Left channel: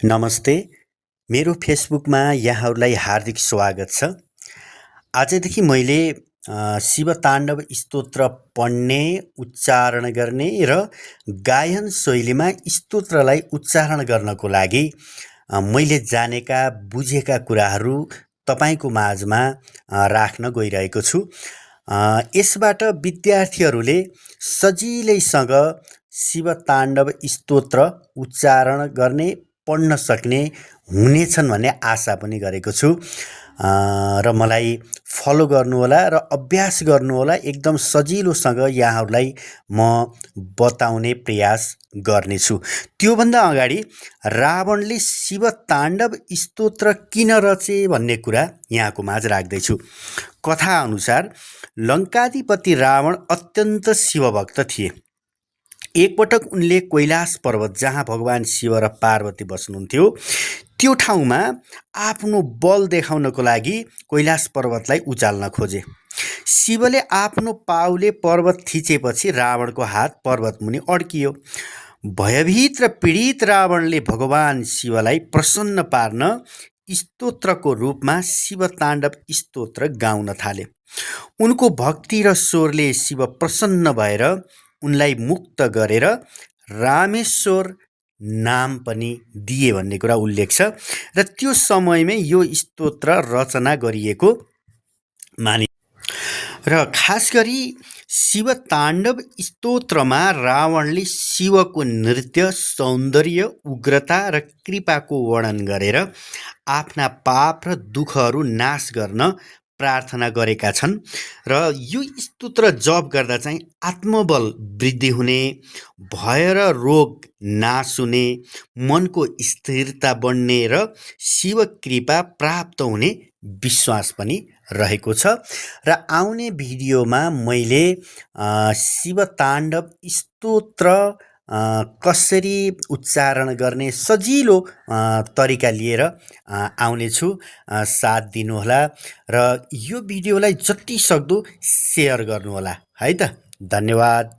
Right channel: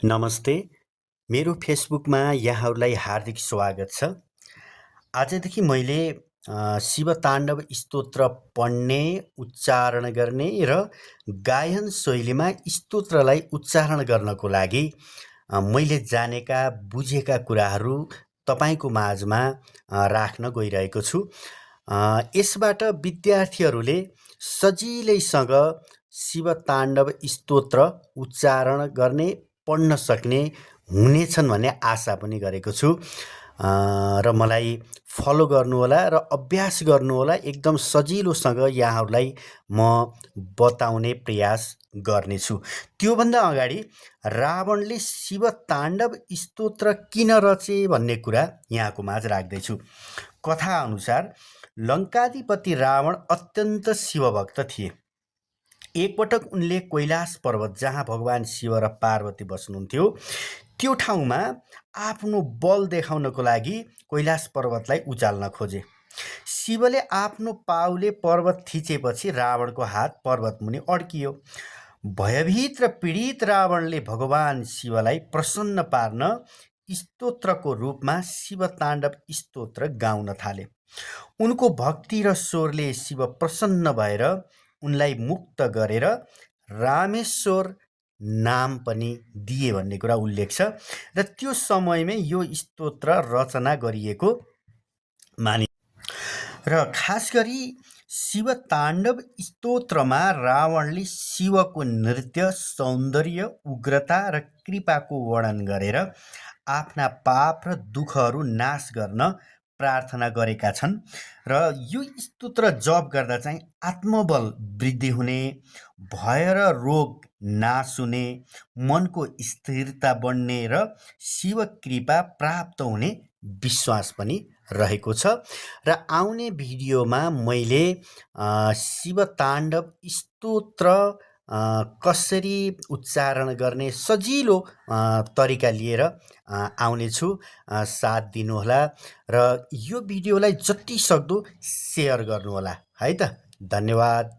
नमस्ते। मेरो फेसबुकमा यहाँहरूलाई हार्दिक स्वागत छ। आजदेखि मैले शिवताण्डव स्तोत्र पढ्ने, उच्चारण गर्ने र गायन शैलीमा स्तोत्रलाई उच्चारण गर्नको लागि मैले जानेका, बुझेका कुराहरू तपाईँको माझमा राख्न गइरहेको छु। यसबाट विद्यार्थीहरूले सजिलैसँग शिवताण्डव स्तोत्र उच्चारण गर्ने, पढ्न सक्ने हुनेछन् भन्ने आशा पनि गरेको छु। र मलाई फलो गर्नुहोला र अभ्यास गर्नुहोला। एकदम सजिलोसँग यहाँहरूलाई म बताउने प्रयास गर्नेछु। त्योभन्दा अगाडि रावणले शिवताण्डव स्तोत्र किन रचे भन्ने कुरा यहाँको माझ राख्दैछु। कथा अनुसार लङ्काधिपति रावण अत्यन्त शिवभक्त थिए। एकपटक उनले कैलाश पर्वत, जहाँ भगवान शिव र पार्वती बस्नुहुन्थ्यो, त्यो ठाउँमा आफ्नो बल देखाउनको लागि कैलाश पर्वतलाई उचाल्न खोजे। शिवले आफ्नो पाउले पर्वत थिचेपछि रावणको हात पर्वतमुनि अड्कियो। भयभीत र पीडित रावणले भगवान शिवलाई प्रसन्न पार्न स्तोत्रको रूपमा शिवताण्डव स्तोत्र गाउन थाले। उनको भक्ति र स्वरले शिव प्रसन्न भएर उनलाई मुक्त गरेर रामेश्वर नाम पनि दिए भन्ने कुरा उल्लेख छ। र त्यो समयमै यो स्तोत्र रचना गरिएको मानिन्छ। र खास गरी शिवताण्डव स्तोत्रमा रावणले शिवको नृत्य, सौन्दर्य, उग्रता र कृपाको वर्णन गरेर आफ्ना पाप र दुःखहरू नाश गर्न प्रार्थना गरेका छन्। र यो स्तोत्र जप गर्दा चाहिँ आत्मबल वृद्धि हुने, भय र रोग नाश हुने, मनको स्थिरता बढ्ने र शिव कृपा प्राप्त हुने विश्वास पनि रहेको छ। र आउने भिडियोमा मैले शिवताण्डव स्तोत्र कसरी उच्चारण गर्ने सजिलो तरिका लिएर आउनेछु। साथ दिनुहोला र यो भिडियोलाई जति सक्दो सेयर गर्नुहोला है त। धन्यवाद।